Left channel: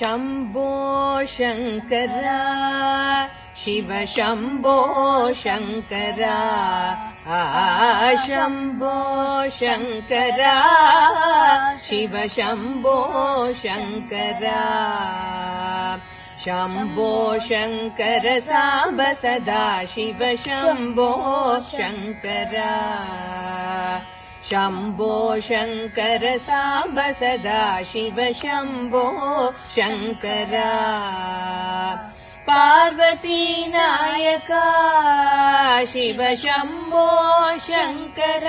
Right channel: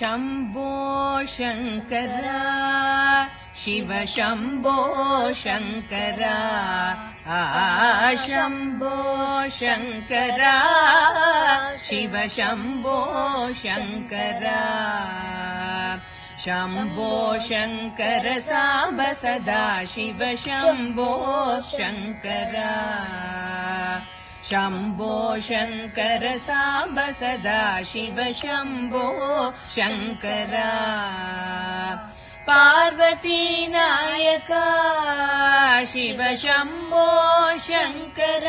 शम्भो शङ्कर शिव शम्भो शङ्कर शम्भो शङ्कर शिव शम्भो शङ्कर शम्भो शङ्कर साम्ब सदा शिव शम्भो शङ्कर शम्भो शङ्कर साम्ब सदा शिव शम्भो शङ्कर पार्वती नायका शिव शम्भो शङ्कर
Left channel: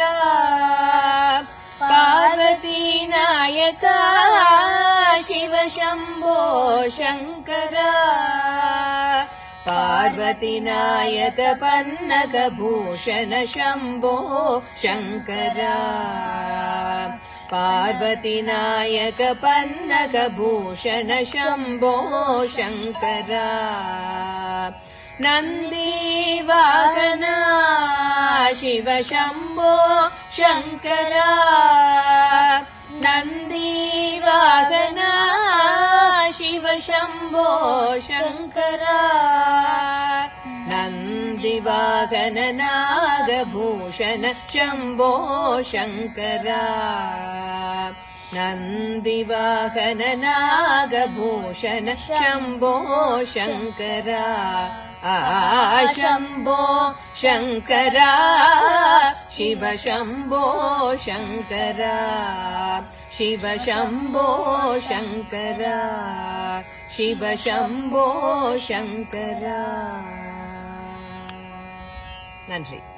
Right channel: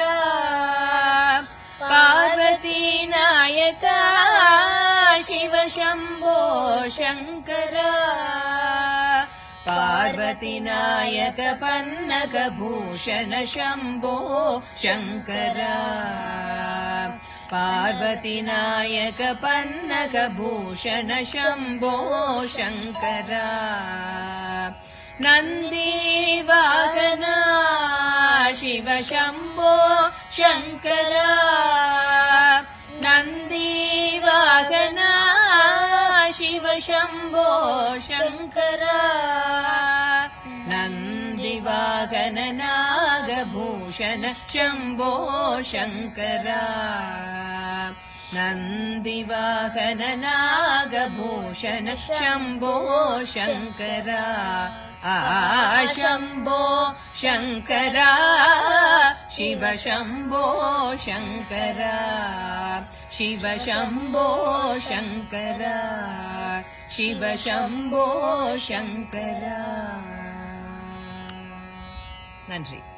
पार्वती नायका शिव शम्भो शङ्कर पार्वती नायक पन्नगभूषण शम्भो शङ्कर पार्वती नायक पन्नगभूषण शम्भो शङ्कर नन्दीवाहना शिव शम्भो शङ्कर नन्दीवाहना शिव शम्भो शङ्कर नन्दिवाहन नागभूषण शम्भो शङ्कर नन्दिवाहन नागभूषण शम्भो शङ्कर शम्भो शङ्कर शिव शम्भो शङ्कर शिव शम्भो शङ्कर शिव शम्भो शङ्कर नன்றி.